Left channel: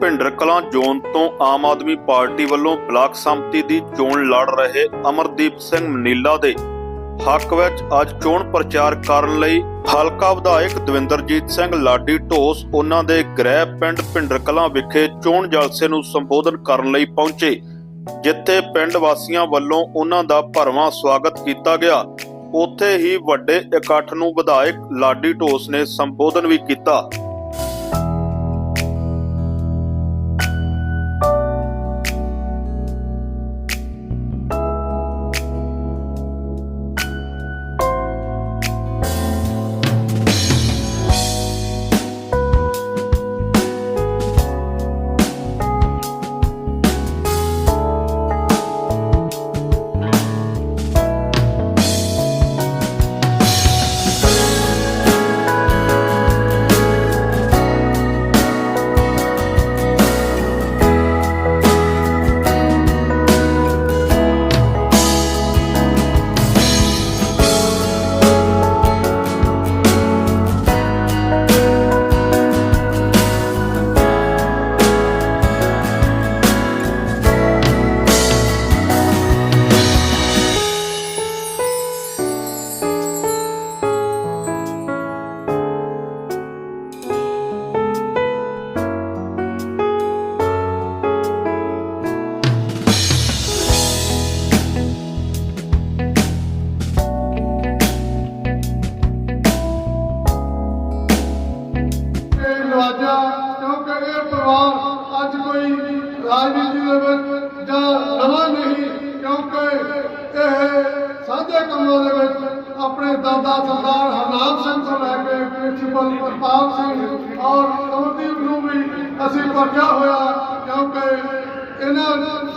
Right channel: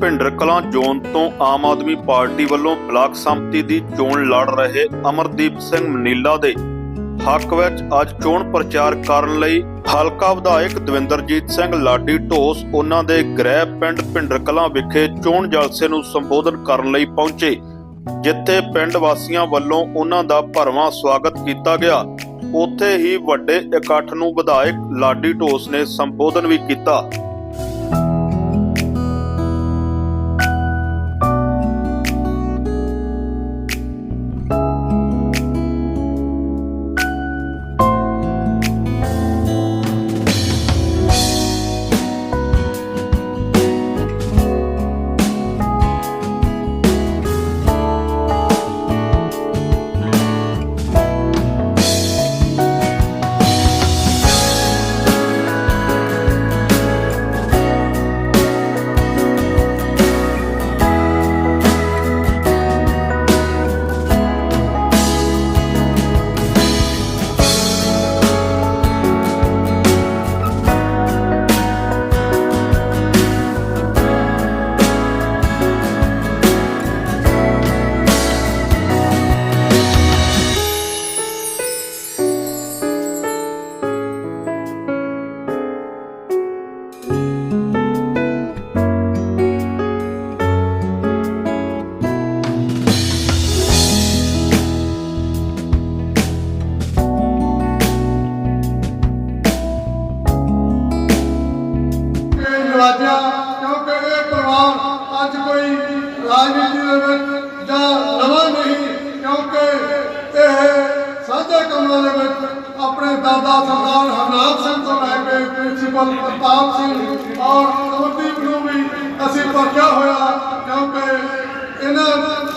Bhinder Kalan zone ਤੋਂ Aam Aadmi party ਵੱਲੋਂ block ਸੰਮਤੀ ਦੀ ਚੋਣ ਲੜ ਰਹੇ ਅਮਰਦੀਪ ਸਿੰਘ ਮਨੀਲਾ ਦੇ ਹੱਕ ਵਿੱਚ ਅੱਜ ਚੋਣ ਪ੍ਰਚਾਰ ਕਰਨ ਲਈ ਹਲਕਾ ਵਿਧਾਇਕ ਦਵਿੰਦਰਜੀਤ ਸਿੰਘ ਲਾਡੀ ਢੋਸ ਉਹਨਾਂ ਦੇ ਗ੍ਰਹਿ ਪਿੰਡ ਭਿੰਡਰ ਕਲਾਂ ਵਿਖੇ ਚੋਣ ਜਲਸੇ ਨੂੰ ਸੰਬੋਧਨ ਕਰਨ ਲਈ ਪਹੁੰਚੇ, ਜਿੱਥੇ ਪਿੰਡ ਵਾਸੀਆਂ ਵੱਲੋਂ ਉਹਨਾਂ ਦਾ ਭਰਵਾਂ ਸਵਾਗਤ ਕੀਤਾ ਗਿਆ। ਉੱਥੇ ਹੀ ਵੱਡੇ ਇਕੱਠ ਨੂੰ ਵਿਧਾਇਕ ਲਾਡੀ ਢੋਸ ਨੇ ਸੰਬੋਧਨ ਵੀ ਕੀਤਾ।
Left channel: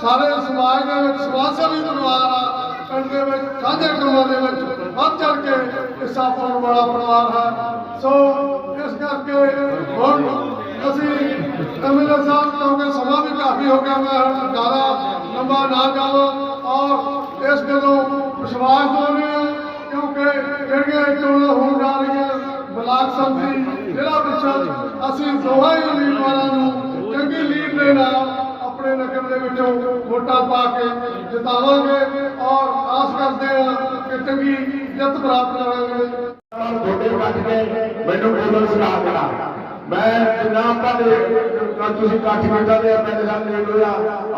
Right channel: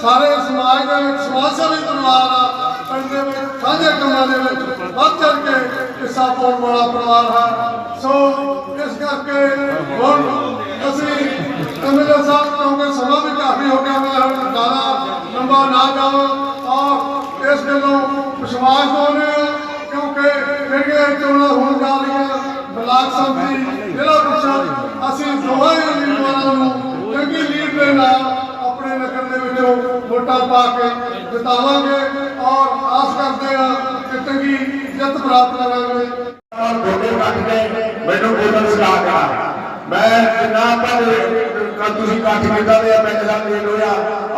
ਸਾਰੇ ਸਮਾਜ ਦੇ ਵਿੱਚ, ਸਮਾਜ ਸੇਵੀ ਪਰਿਵਾਰ ਆ ਪਿੰਡ ਦੇ ਵਿੱਚ, ਸਾਂਝੇ ਕੰਮਾਂ ਦੇ ਵਿੱਚ ਵੱਧ ਚੜ ਕੇ ਹਿੱਸਾ ਪਾਉਣ ਵਾਲਾ ਪਰਿਵਾਰ ਹੈ। ਸੋ ਇਸ ਕਰਕੇ ਹੁਣ ਅਸੀਂ ਐਮਐਲਏ ਸਾਹਿਬ ਤੋਂ ਸਮਾਂ ਵੀ ਕਾਫੀ ਹੋ ਗਿਆ, ਮੈਂ ਹੁਣ ਜ਼ਿਆਦਾ ਲੰਬਾ ਨਾ ਜਾਵਾਂ ਔਰ ਇਸ ਗੱਲੋਂ ਵਿਸ਼ਵਾਸ ਪਾਉਂਦੇ ਹਾਂ ਕਿਉਂਕਿ ਜਿਹੜੀਆਂ ਚੋਣਾਂ ਹੋਣ ਜਾ ਰਹੀਆਂ। ਬਲਾਕ ਸੰਮਤੀ ਜ਼ਿਲ੍ਹਾ ਪ੍ਰੀਸ਼ਦ, ਅਸੀਂ ਦੋਹਾਂ ਉਮੀਦਵਾਰਾਂ ਨੂੰ ਚੰਗੀ ਲੀਡ ਦੇ ਨਾਲ ਆਪਣੇ ਨਗਰ ਦੇ ਵਿੱਚੋਂ ਵੋਟਾਂ ਪਾ ਕੇ ਜਿਤਾਵਾਂਗੇ ਔਰ ਆਸ ਕਰਦੇ ਹਾਂ ਕਿ ਚੰਗੀ ਜਿੱਤ ਪ੍ਰਾਪਤ ਕਰਾਂਗੇ। ਤੁਹਾਡੇ ਕੱਟ ਕੇ ਮੈਨੂੰ ਬੋਲਣ ਸਲਾਹ ਕਰਾ। ਮੈਂ ਜਿੰਨਾ ਆਪਾਂ ਕੱਲ ਤੁਸੀਂ ਕੱਟ ਕੀਤਾ ਤੇ ਪਿੰਡ ਦਾ ਲੀਡ ਹੋਇਆ,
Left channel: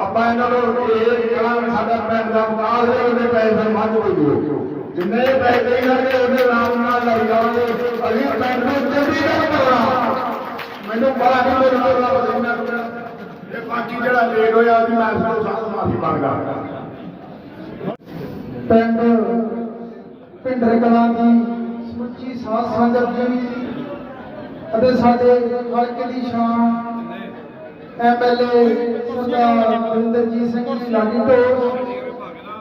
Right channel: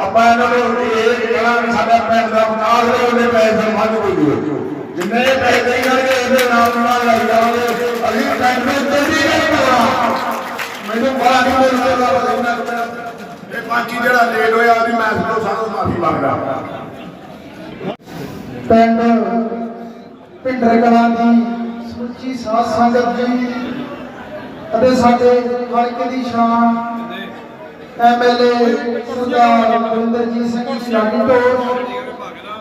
ਆਪਾਂ ਇਹਨਾਂ ਨੂੰ ਇਹ ਕਹਿਣਾ ਸਾਡਾ ਪਿੰਡ ਦਾ ਵਿਕਾਸ ਹੋਵੇ ਉਹਦੇ ਪੈਸੇ ਵੱਧ ਕੋਈ ਦਿਓ ਜਿੰਨੇ ਪੈਸੇ ਕਰਨਗੇ ਉਹਦੇ ਨਾਮ ਨਾਲ ਲਾਈ ਜਾਵਾਂਗੇ। ਅਸੀਂ ਪਿੰਡ ਨੂੰ ਜਲਦੀ ਕਰਵਾ ਮੈਨੂੰ ਬੜਾ ਨਹੀਂ ਬੋਲਦੇ ਦਾ ਪਾਚੀ ਜਿਹੜਾ ਲੇਟ ਹੋਇਆ ਵੀ ਮੈਂ ਤੋਂ ਸਾਰਾ ਮਾਫੀ ਮੰਗਦਾ। ਪਿੰਡ ਭਿੰਡਰ ਕਲਾਂ ਦੀ ਸੁੱਚੀ ਸਾਧ ਸੰਗਤ ਜੀ ਅਤੇ ਸਾਡੇ ਹਲਕੇ ਦੀ ਸ਼ਾਨ ਐਮਐਲਏ ਸਰਦਾਰ ਬਰਿੰਦਰਜੀਤ ਸਿੰਘ ਜੀ ਲਾਡੀ ਢੋਲ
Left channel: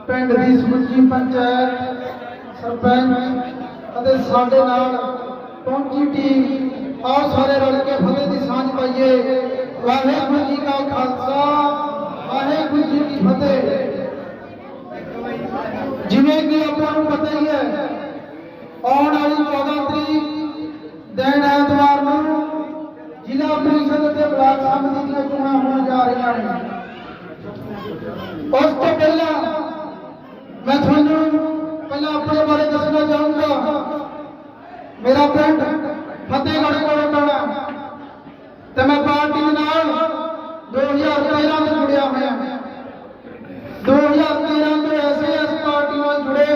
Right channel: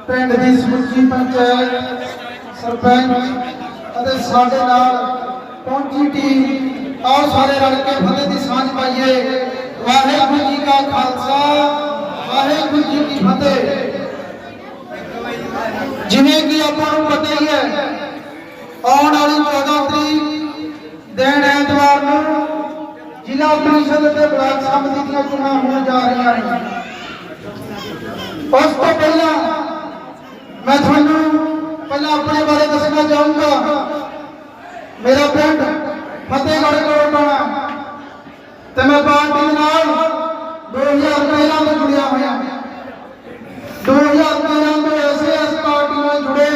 ਪਿੰਡ ਦੀ ਸੁੱਚੀ ਪੰਚਾਇਤ ਸਰਪੰਚ ਅਤੇ ਸਾਡੇ ਨਾਲ ਪਹੁੰਚੀ ਟੀਮ ਆਓ ਸਾਰੇ ਰਲ ਕੇ ਫਤਿਹ ਦੀ ਸਾਂਝ ਪਾਈਏ। ਵਾਹਿਗੁਰੂ ਜੀ ਕਾ ਖਾਲਸਾ ਵਾਹਿਗੁਰੂ ਜੀ ਕੀ ਫਤਿਹ ਜਿਵੇਂ ਕਿ ਆਪਾਂ ਨੂੰ ਪਤਾ ਹੀ ਹੈ ਆਉਣ ਵਾਲੀ 14 ਤਰੀਕ ਦਿਨ ਐਤਵਾਰ ਨੂੰ ਜ਼ਿਲ੍ਹਾ ਪ੍ਰੀਸ਼ਦ ਤੇ ਬਲਾਕ ਸੰਮਤੀ ਦੀਆਂ ਚੋਣਾਂ ਹੋਣ ਜਾ ਰਹੀਆਂ ਨੇ ਉਸ ਤੋਂ ਪਹਿਲਾਂ ਮੈਂ ਤੁਹਾਨੂੰ ਪਹਿਲਾਂ ਆਪਣੇ ਬਾਰੇ ਦੱਸਣਾ ਚਾਹੂੰਗਾ ਮੇਰਾ ਪਿੰਡ ਫਤਿਹਗੜ੍ਹ ਕੋਲ ਪੈਣਾ ਤੇ ਮੈਂ ਪਾਰਟੀ ਦੇ ਨਾਲ 2013 ਤੋਂ ਜੁੜਿਆ ਹੋਇਆ। 2013 ਤੋਂ ਐਸੇ ਐਸ ਪਾਰਟੀ ਨਾਲ ਜੁੜੇ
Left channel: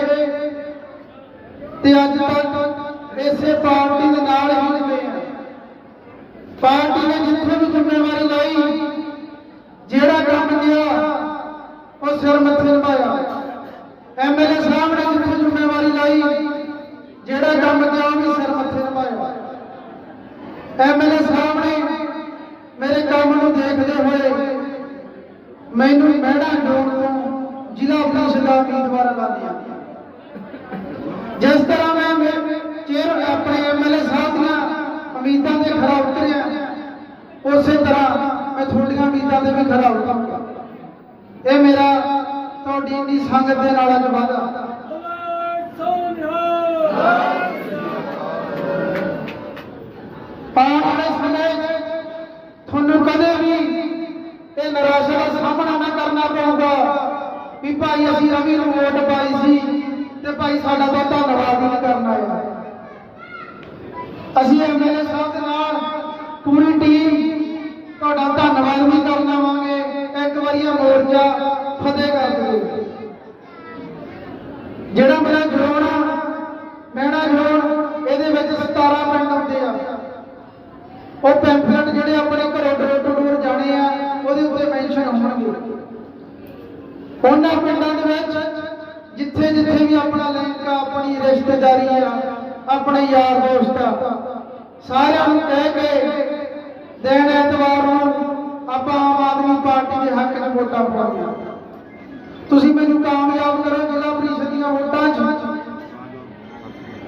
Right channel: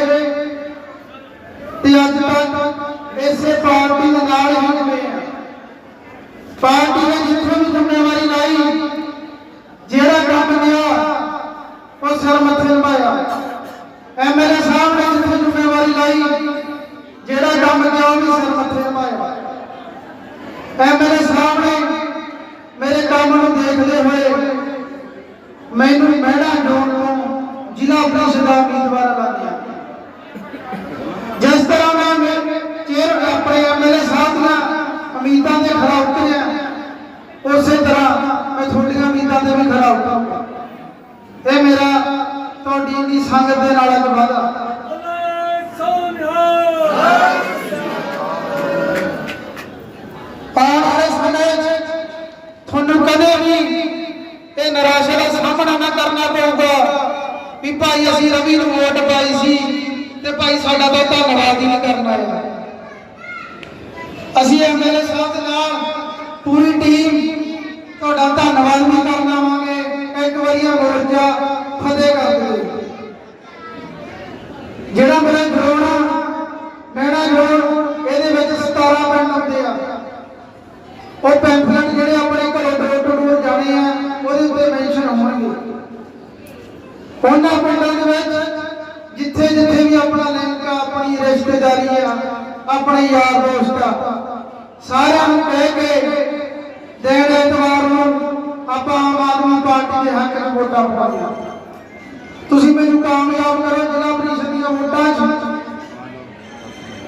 ਤੇ ਅੱਜ ਤੱਕ ਇਸੇ ਪਾਰਟੀ ਦੇ ਨਾਲ ਹੀ ਜੁੜੇ ਆ। ਪਾਰਟੀ ਨੇ ਜਿੱਥੇ ਵੀ ਜ਼ਿੰਮੇਵਾਰੀ ਲਈ ਜਿਹੜਾ ਕੰਮ ਗਿਆ ਉਹ ਸਿਰ ਮੱਥੇ ਨਿਭਾਇਆ ਐਮਐਲਏ ਸਾਹਿਬ ਨੇ ਜਿੱਥੇ ਜ਼ਿੰਮੇਵਾਰੀ ਲਈ ਜਿਹੜਾ ਕੰਮ ਗਿਆ ਉਹ ਵੀ ਸਿਰ ਮੱਥੇ ਨਿਭਾਇਆ ਐਮਐਲਏ ਸਾਹਿਬ ਨੇ ਮੇਰੇ ਕੰਮ ਨੂੰ ਦੇਖਦੇ ਹੋਏ ਮੈਨੂੰ ਮਹਿਲਾ ਜੋੜ ਤੋਂ ਜ਼ਿਲ੍ਹਾ ਪ੍ਰੀਸ਼ਦ ਦਾ ਉਮੀਦਵਾਰ ਬਣਾ ਦਿਆ ਜਿਸ ਤਰ੍ਹਾਂ ਮੈਂ ਮੇਰੇ ਚੇਅਰ ਆਪਣੇ ਐਮਐਲਏ ਸਾਹਿਬ ਦੀਆਂ ਉਮੀਦਾਂ ਤੇ ਖਰਾ ਉਤਰਿਆ ਉਸੇ ਤਰ੍ਹਾਂ ਮੈਂ ਤੁਹਾਡੀਆਂ ਉਮੀਦਾਂ ਤੇ ਵੀ ਖਰਾ ਉਤਰਾਂਗਾ ਇਹ ਮੇਰਾ ਤੁਹਾਡੀ ਦੀ ਸੰਗਤ ਦੇ ਨਾਲ ਅੱਜ ਵਾਅਦਾ ਆਉਣ ਵਾਲੇ ਸਮੇਂ 'ਚ ਤੁਹਾਨੂੰ ਕਦੇ ਵੀ ਇਹ ਨਿਰਾਸ਼ਾ ਦਾ ਸਾਹਮਣਾ ਨਾ ਕਰਨਾ ਪਊਗਾ ਵੀ ਭਾਈ ਅਸੀਂ ਰਵੀ ਨੂੰ ਵੋਟ ਪਾਈ ਸੀ ਤੇ ਭਾਈ ਸਾਡਾ ਤਾਂ ਧੰਨਵਾਦ ਹੀ ਨਹੀਂ ਕਰਨਾ ਹੈ ਅਸੀਂ ਐਮਐਲਏ ਸਾਹਿਬ ਦੇ ਨਾਲ ਪੂਰੀ ਟੀਮ ਤੁਹਾਡਾ ਧੰਨਵਾਦ ਵੀ ਕਰਨ ਆਵਾਂਗੇ ਇੱਕ ਵਾਰੀ ਇਹ ਮੋਰਚਾ ਫਤਿਹ ਕਰ ਦਿਓ ਜਿਹੜਾ ਮੇਰਾ ਗਰਾਉਣਾ ਮੇਰਾ ਗਰਾਉਣ ਇਹਦੇ ਵਿੱਚ 17 ਪਿੰਡ ਆਉਂਦੇ ਆ ਉਹ ਪੈਂਫਲੇਟ ਜਿਹੜੇ ਆਪਣੇ ਘਰੋਂ ਡੋਰ ਟੂ ਡੋਰ ਜਾਣੇ ਆ ਉਹਦੇ ਉੱਤੇ ਮੈਂਸ਼ਨ ਹੋਣਗੇ ਉਹਨਾਂ ਪਿੰਡਾਂ ਦੇ ਵਿੱਚ ਜਿੱਥੇ ਜਿੱਥੇ ਵੀ ਆਪਣਾ ਲਿੰਕ ਆ, ਆਪਣੀ ਰਿਸ਼ਤੇਦਾਰੀ ਆ, ਆਪਣੇ ਯਾਰ ਦੋਸਤ ਆ, ਸਾਰਿਆਂ ਨੂੰ ਕਹਿ ਕੇ ਦੇਣ ਐਤਵਾਰ ਨੂੰ ਆਪਾਂ ਆਮ ਆਦਮੀ ਪਾਰਟੀ ਦੇ ਹੱਕ ਨੂੰ ਵੋਟਾਂ ਪਾਉਣਾ ਤੁਸੀਂ ਮੈਨੂੰ ਕਾਮਯਾਬ ਕਰੋ, ਜ਼ਿਲ੍ਹਾ ਪ੍ਰੀਸ਼ਦ ਦੀਆਂ ਵੋਟਾਂ 'ਚ।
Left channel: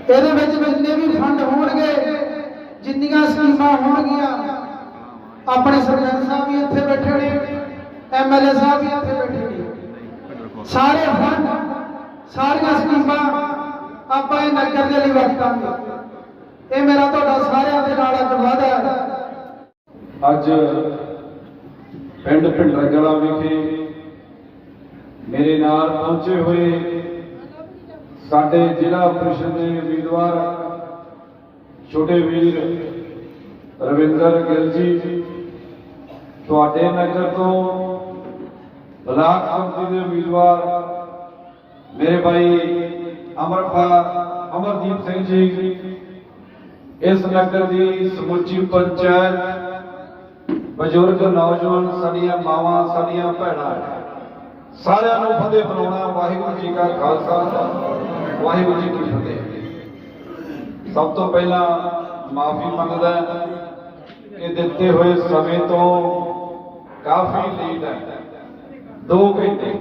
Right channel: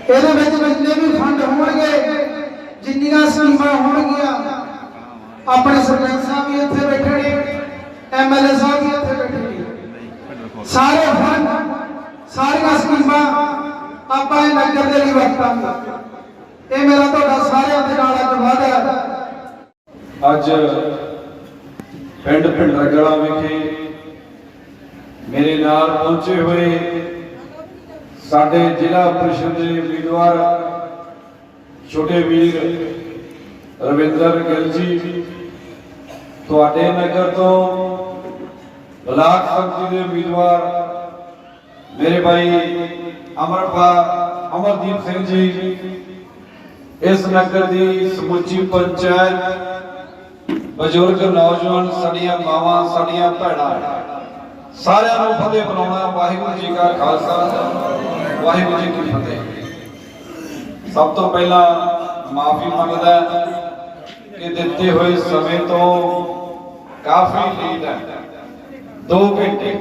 ਇਹਦੇ ਵਿੱਚ ਜਿੰਨੇ ਵੀ ਫੰਡ ਹੋਣਗੇ, ਜਿੰਨੀਆਂ ਸਕੀਮਾਂ ਹੋਣਗੀਆਂ, ਆਪਣੇ ਸਰਪੰਚ ਸਾਹਿਬ ਵੀ ਇੱਥੇ ਬੈਠੇ ਨੇ ਐਮਐਲਏ ਸਾਹਿਬ ਵੀ ਇੱਥੇ ਬੈਠੇ ਸਾਰੇ ਫੰਡ ਸਾਰੀਆਂ ਸਕੀਮਾਂ ਆਪਾਂ ਇਹ ਨਗਰ ਦੇ ਲਈ ਵਰਤਾਂਗੇ। ਇਹ ਮੇਰਾ ਤੁਹਾਡਾ ਸਾਰਿਆਂ ਦੇ ਨਾਲ ਅੱਜ ਵਾਅਦਾ ਅੱਜ ਪਿੰਡ ਪਿੰਡਰਗੜਾ ਵਿਖੇ ਮੇਰੇ ਨਾਲ ਪਹੁੰਚੇ ਹੋਏ ਸਾਡੇ ਜ਼ਿਲ੍ਹਾ ਪ੍ਰੀਸ਼ਦ ਦੇ ਉਮੀਦਵਾਰ ਛੋਟੇ ਵੀਰ ਰਵਿੰਦਰ ਗਿੱਲ ਜੀ, ਤੁਹਾਡੇ ਨਗਰ ਤੋਂ ਬਲਾਕ ਸੰਮਤੀ ਦੇ ਉਮੀਦਵਾਰ ਮੇਰੇ ਭਾਈ ਅਮਰਪਾਲ ਅਮਰਦੀਪ ਸਿੰਘ ਜੀ ਇਸ ਨਗਰ ਦੀ ਸਮੁੱਚੀ ਪੰਚਾਇਤ ਬਜ਼ੁਰਗ ਨੌਜਵਾਨ ਸਾਡੀਆਂ ਮਾਵਾਂ ਸਾਡੀਆਂ ਭੈਣਾਂ ਸਾਰਿਆਂ ਨੂੰ ਫਤਿਹ ਬੁਲਾਉਣਾ ਵਾਹਿਗੁਰੂ ਜੀ ਕਾ ਖਾਲਸਾ ਵਾਹਿਗੁਰੂ ਜੀ ਕੀ ਫਤਿਹ ਸਭ ਤੋਂ ਪਹਿਲਾਂ ਮਾਫੀ ਮੰਗਦਾ ਕਿ ਦਿੱਤੇ ਹੋਏ ਸਮੇਂ ਤੋਂ ਕਾਫੀ ਲੇਟ ਹੈ 2 ਘੰਟੇ।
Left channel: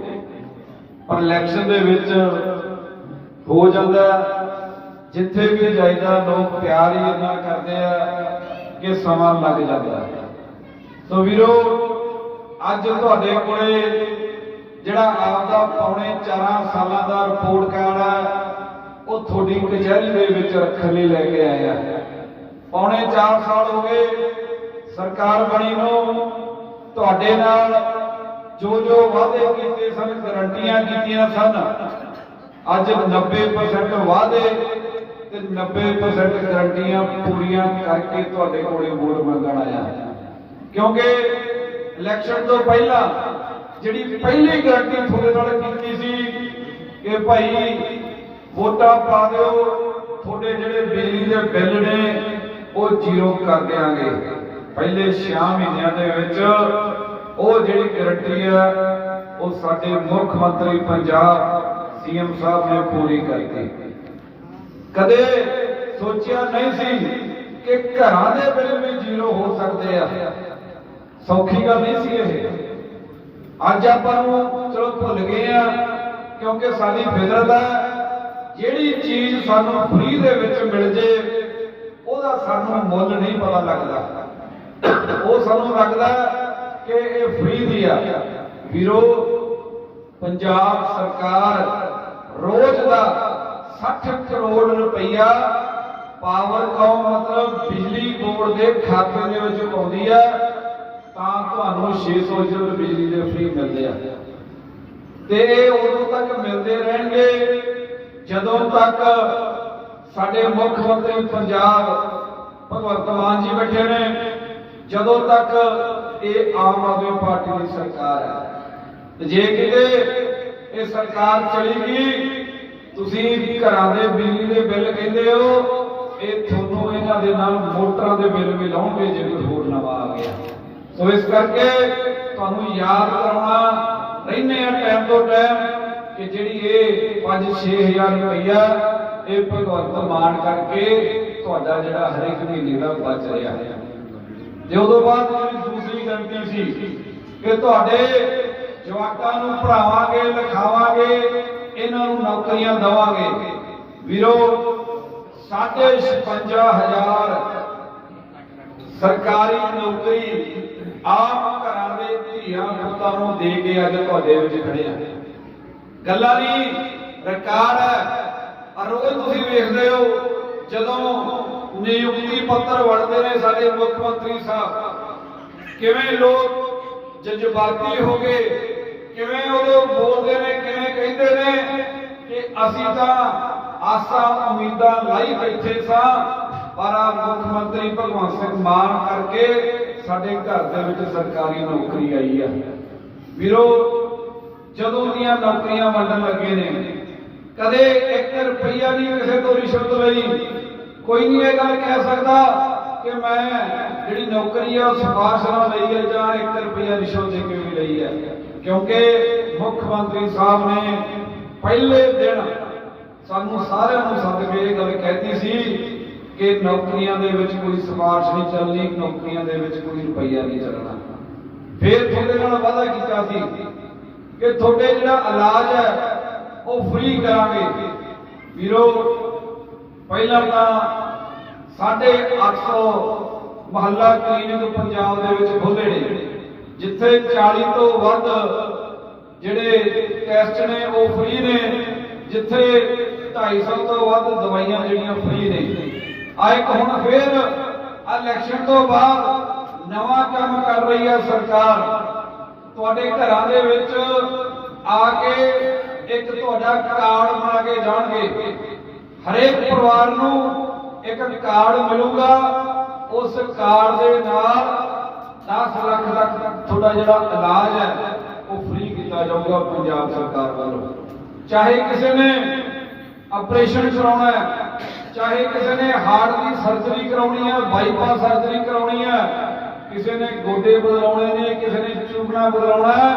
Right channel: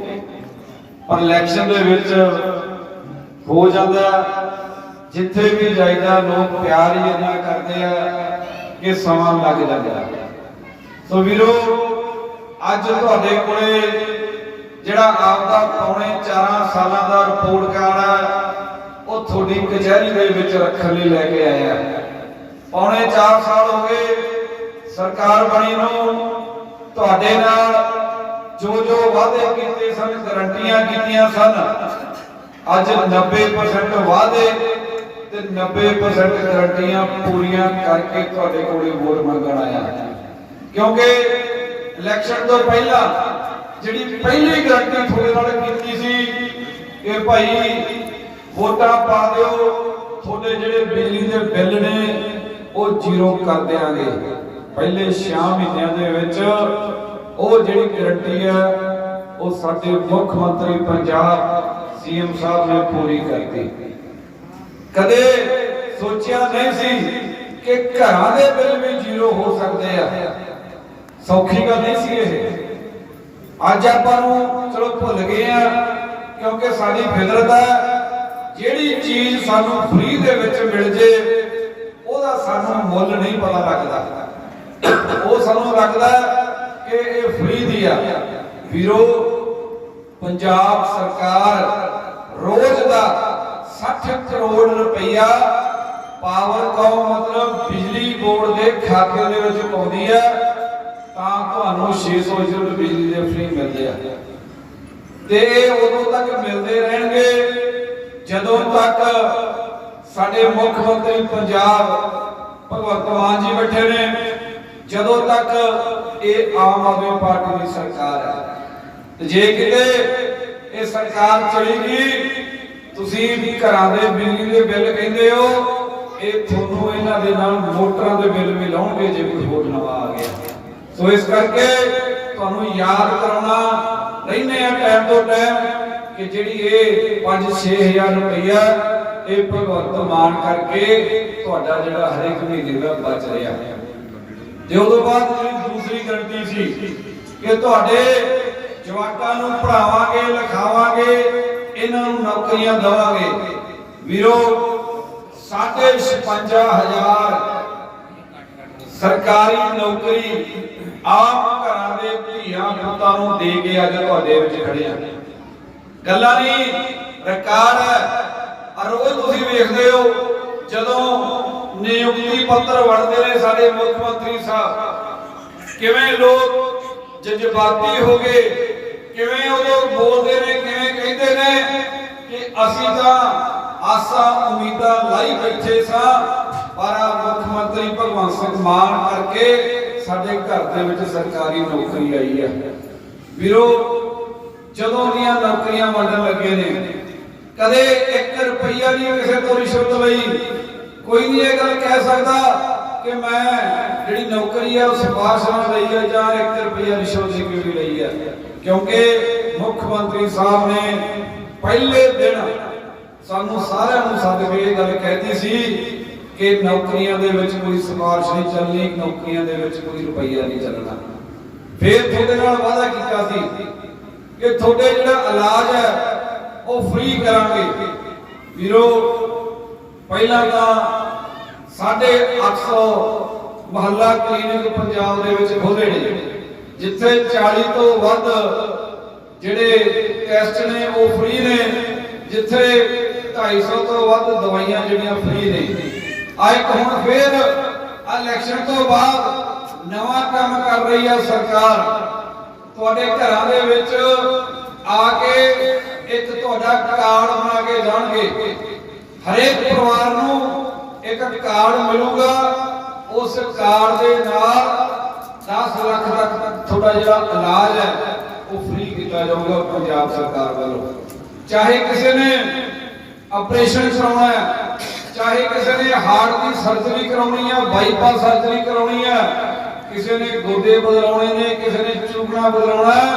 ਪਰ ਇਲੈਕਸ਼ਨ ਦੇ ਵਿੱਚ ਹੋ ਜਾਂਦਾ ਜਿੱਥੇ ਵੀ ਜਾਈਦਾ, ਲੋਕ ਪਿਆਰ ਹੀ ਇੰਨਾ ਕਰਦੇ ਆ ਕਿ ਸਮਾਂ ਲੱਗ ਜਾਂਦਾ ਸੋ ਵੀਰੋ, ਅੱਜ ਤੁਹਾਡੇ ਕੋਲੇ ਜਿਹੜਾ ਆਪ ਦਾ ਪੌਣੇ 4 ਸਾਲਾਂ ਦਾ ਰਿਪੋਰਟ ਕਾਰਡ ਹੈ ਉਹ ਤੁਹਾਡੀ ਕਚਹਿਰੀ ਦੇ ਵਿੱਚ ਰੱਖਣ ਲਈ ਲੈ ਕੇ ਆਇਆ ਆ। ਪੌਣੇ 4 ਸਾਲ ਹੋ ਗਏ, ਸਰਕਾਰ ਬਣੀ ਨੂੰ, ਤੁਹਾਡੇ ਨਾਲ ਜੋ ਜੋ ਵਾਅਦੇ ਕੀਤੇ ਸਨ, ਗਰੰਟੀਆਂ ਕੀਤੀਆਂ ਸਨ। ਅੱਜ 90% ਵਾਅਦੇ ਤੇ 90% ਗਰੰਟੀਆਂ ਪੂਰੀਆਂ ਕਰਕੇ ਤੁਹਾਡੇ ਕੋਲੇ ਵੋਟ ਮੰਗਣ ਆਇਆ। ਕਿਉਂਕਿ ਇਲੈਕਸ਼ਨ ਤੋਂ ਪਹਿਲਾਂ ਜਿਹੜੀ ਪਹਿਲੀ ਗਰੰਟੀ ਤੁਹਾਡੇ ਨਾਲ ਕੀਤੀ ਸੀ ਕਿ ਭਾਈ ਵੋਟਾਂ ਪਾ ਦਿਓ, ਤੁਹਾਡੇ ਜਿਹੜੇ ਬਿਜਲੀ ਦੇ ਬਿੱਲ ਨੇ, ਉਹ ਜ਼ੀਰੋ ਕਰ ਦੇਾਂਗੇ ਪਹਿਲੇ 6 ਮਹੀਨਿਆਂ ਦੇ ਵਿੱਚ ਉਹ ਜਿਹੜੀ ਗਰੰਟੀ ਹੈ ਉਹ ਸਾਡੇ ਮੁੱਖ ਮੰਤਰੀ ਪੰਜਾਬ ਸੀਐਮ ਸਾਹਿਬ ਨੇ ਪੂਰੀ ਕਰਤੀ। ਕਦੇ ਸੋਚਿਆ ਨਹੀਂ ਸੀ ਕਿ ਘਰਾਂ ਦੇ ਬਿੱਲ ਵੀ ਜ਼ੀਰੋ ਹੋ ਸਕਦੇ ਆ। ਸੌਖੀ ਗੱਲ ਨਹੀਂ ਸੀ ਇਹ। ਅੱਜ ਆਪਾਂ ਨੂੰ ਚਲੋ ਭੁੱਲ ਗਏ ਆ, ਕਿਉਂਕਿ ਸਾਡੀ ਫਿਤਰਤ ਹੈ ਜਿਹੜੀ ਚੀਜ਼ ਸਾਨੂੰ ਫ੍ਰੀ ਦੇ ਵਿੱਚ ਮਿਲ ਜੇ, ਉਹਦਾ ਸਾਨੂੰ ਮੁੱਲ ਨਹੀਂ ਪਤਾ ਲੱਗਦਾ। ਉਹ ਸਾਨੂੰ ਲੱਗਦਾ ਕਿ ਇਹ ਫ੍ਰੀ ਦੀ ਆ। ਵੀਰੋ, ਪੰਜਾਬ ਸਰਕਾਰ ਰੋਜ਼ ਦਾ 60 ਕਰੋੜ ਰੁਪਈਆ ਪਾਵਰਕਾਮ ਮਤਲਬ ਬਿਜਲੀ ਬੋਰਡ ਦੇ ਖਾਤੇ ਦੇ ਵਿੱਚ ਪਾਉਂਦੀ ਹੈ ਤਾਂ ਤੁਹਾਨੂੰ 600 ਯੂਨਿਟ ਬਿਜਲੀ ਦੇ ਫ੍ਰੀ ਮਿਲਦੇ ਆ। ਤੇ ਉਦੋਂ ਤੱਕ ਮਿਲਦੇ ਰਹਿਣਗੇ ਜਦੋਂ ਤੱਕ ਸਾਡੇ ਮੁੱਖ ਮੰਤਰੀ ਪੰਜਾਬ ਭਗਵੰਤ ਮਾਨ ਜੀ ਬੈਠੇ ਨੇ। ਜਦੋਂ ਤੱਕ ਇਹ ਆਮ ਆਦਮੀ ਪਾਰਟੀ ਦੀ ਸਰਕਾਰ ਹੈ, ਤੇ ਜੇ ਕਿਤੇ ਇਹ ਸਰਕਾਰ ਚਲੀ ਗਈ, ਤੁਸੀਂ ਘਰਾਂ ਦੇ ਬਿਜਲੀ ਦੇ ਬਿੱਲ ਕਹਿੰਦੇ ਹੋ, ਇਹ ਤੁਹਾਨੂੰ ਇਹਨਾਂ ਦੇ ਨਾਲ ਮੋਟਰਾਂ ਦੇ ਬਿੱਲ ਵੀ ਲਾਉਣਗੇ ਜੇ ਕੋਈ ਹੋਰ ਨਵਾਂ ਆ ਗਿਆ। ਸੋ ਇਸ ਕਰਕੇ ਤੁਹਾਨੂੰ ਯਾਦ ਕਰਾਉਣਾ, ਰਹਿੰਦੇ ਆ ਟਾਈਮ ਤੋਂ ਟਾਈਮ ਕਿ ਜਿਹੜੀ ਇਹ 5-6000 ਰੁਪਈਆ ਇਹ ਭਗਵੰਤ ਮਾਨ ਕਰਕੇ ਤੁਹਾਡਾ ਜਿਹੜਾ ਹਰੇਕ ਮਹੀਨੇ ਦਾ ਬਚ ਰਿਹਾ ਤੇ ਉਦੋਂ ਬਾਅਦ ਜਿਹੜੀ ਦੂਸਰੀ ਗਰੰਟੀ ਸੀ ਕਿ ਤੁਹਾਡੇ ਜਵਾਕਾਂ ਨੂੰ ਪੜਾਵਾਂਗੇ ਲਿਖਾਵਾਂਗੇ, ਇਹਨਾਂ ਨੂੰ ਨੌਕਰੀਆਂ ਦਵਾਂਗੇ। ਵੀਰੋ 55000 ਸਰਕਾਰੀ ਨੌਕਰੀ ਆਪ ਘਰਾਂ ਦੇ ਧੀਆਂ ਪੁੱਤਾਂ ਨੂੰ ਦੇ ਕੇ ਅੱਜ ਤੁਹਾਡੇ ਵਿੱਚ ਖੜੇ ਆ। ਗੱਲਾਂ ਨਹੀਂ ਰਿਕਾਰਡ ਹੈ ਔਰ ਉਹ ਤੁਸੀਂ ਵੇਖਦੇ ਹੋ, ਜਦੋਂ ਨਿਯੁਕਤੀ ਪੱਤਰ ਵੜਦੇ ਨੇ ਸਾਡੇ ਮੁੱਖ ਮੰਤਰੀ ਸਾਹਿਬ। ਕਿਵੇਂ ਲੋਕ ਜਜ਼ਬਾਤੀ ਹੋ ਗਏ, ਕਿਵੇਂ ਉਹ ਬੋਲਦੇ ਨੇ, ਕਿਵੇਂ ਕਹਿੰਦੇ ਨੇ ਕਿ ਅਸੀਂ ਤਾਂ ਆਸਾਂ ਉਮੀਦਾਂ ਲਾਈ ਬੈਠੇ ਸਾਂ, ਪਰ ਆ ਮੁੱਖ ਮੰਤਰੀ ਭਗਵੰਤ ਸਿੰਘ ਮਾਨ ਕਰਕੇ ਸਾਡੇ ਘਰ ਦੇ ਵਿੱਚ ਸਰਕਾਰੀ ਨੌਕਰੀ ਆਈ ਹੈ ਵੀਰੋ, ਜਦੋਂ ਦੀਆਂ ਨੌਕਰੀਆਂ ਵੰਡਣ ਲੱਗੇ ਨੇ, ਕਦੇ 1 ਰੁਪਈਆ ਨਹੀਂ ਕਿਸੇ ਤੋਂ ਰਿਸ਼ਵਤ ਲਈ। ਕੋਈ ਨਹੀਂ ਇਹ ਗੱਲ ਕਹਿ ਸਕਦਾ ਕਿ ਮੈਂ ਜਿਹੜੀ ਨੌਕਰੀ ਆ ਉਹ ਸਿਫਾਰਿਸ਼ ਨਾਲ ਲਈ ਹੈ ਜਾਂ 1 ਰੁਪਈਆ ਰਿਸ਼ਵਤ ਦੇ ਕੇ ਵੀ ਲਈ ਹੈ ਕਿਉਂਕਿ ਮੁੱਖ ਮੰਤਰੀ ਸਾਹਿਬ ਨੇ ਪਹਿਲੇ ਦਿਨ ਸਾਨੂੰ ਸਾਰਿਆਂ ਨੂੰ ਸੱਦ ਇਹ ਗੱਲ ਕਹਿਤੀ ਸੀ ਕਿ ਨੌਕਰੀਆਂ ਦੇ ਵਿੱਚ ਕੋਈ ਸਿਫਾਰਿਸ਼ ਨਹੀਂ ਚੱਲਣੀ, ਨੌਕਰੀਆਂ ਦੇ ਵਿੱਚ ਕੋਈ ਰੁਪਈਆ ਨਹੀਂ ਚੱਲਣਾ। ਫਿਰ ਤੁਹਾਡੇ ਨਾਲ ਵਾਅਦਾ ਕੀਤਾ ਸੀ ਕਿ ਤੁਹਾਡੇ ਜਿਹੜਾ ਇਲਾਜ ਹੈ ਉਹ ਫ੍ਰੀ ਕਰਾਂਗੇ। ਵੀਰੋ ਪਹਿਲਾਂ ਤਾਂ 850 ਮਹੱਲਾ ਕਲੀਨਿਕ ਪੰਜਾਬ ਦੇ ਵਿੱਚ ਖੋਲੇ ਨੇ, ਜਿੱਥੇ 40 ਤੋਂ ਵੱਧ ਜਿਹੜੇ ਟੈਸਟ ਨੇ, ਉਹ ਫ੍ਰੀ ਨੇ, ਜਿੱਥੇ 250 ਤੋਂ ਵੱਧ ਦਵਾਈਆਂ ਜਿਹੜੀਆਂ ਫ੍ਰੀ ਨੇ। ਆ ਇੱਕ ਹੁਣ ਫੇਰ ਇਲੈਕਸ਼ਨ ਤੋਂ ਬਾਅਦ ਨਵਾਂ ਕੰਮ ਕਰ ਰਹੀ ਹੈ ਸਰਕਾਰ। ਤੁਹਾਡੇ ਘਰਾਂ ਦੇ ਵਿੱਚ ਆ ਕੇ ਇੱਕ ਤੁਹਾਡਾ ਕਾਰਡ ਬਣਾ ਕੇ ਜਾਣਗੇ। ਹਰੇਕ ਪਰਿਵਾਰ ਨੂੰ ਇੱਕ ਕਾਰਡ ਮਿਲੂਗਾ, ਉਸ ਕਾਰਡ ਦੇ ਨਾਲ 10 ਲੱਖ ਤੱਕ ਤੁਹਾਡਾ ਜਿਹੜਾ ਇਲਾਜ ਹੈ, ਉਹ ਫ੍ਰੀ ਕੀਤਾ ਜਾਊਗਾ ਪੰਜਾਬ ਸਰਕਾਰ ਵੱਲੋਂ। ਚਾਹੇ ਕਿਸੇ ਨੇ ਆਪਰੇਸ਼ਨ ਕਰਾਉਣਾ ਹੈ, ਚਾਹੇ ਕਿਸੇ ਨੇ ਹਾਰਟ ਦੀ ਸਰਜਰੀ ਕਰਾਉਣੀ ਹੈ ਬਾਈਪਾਸ ਸਰਜਰੀ ਕਰਾਉਣੀ ਹੈ, ਕਿਸੇ ਨੇ ਗੋਡੇ ਬਦਲਾਉਣੇ ਨੇ, ਕਿਸੇ ਨੇ ਚੂਕਣਾ ਬਦਲਾਉਣਾ ਹੈ,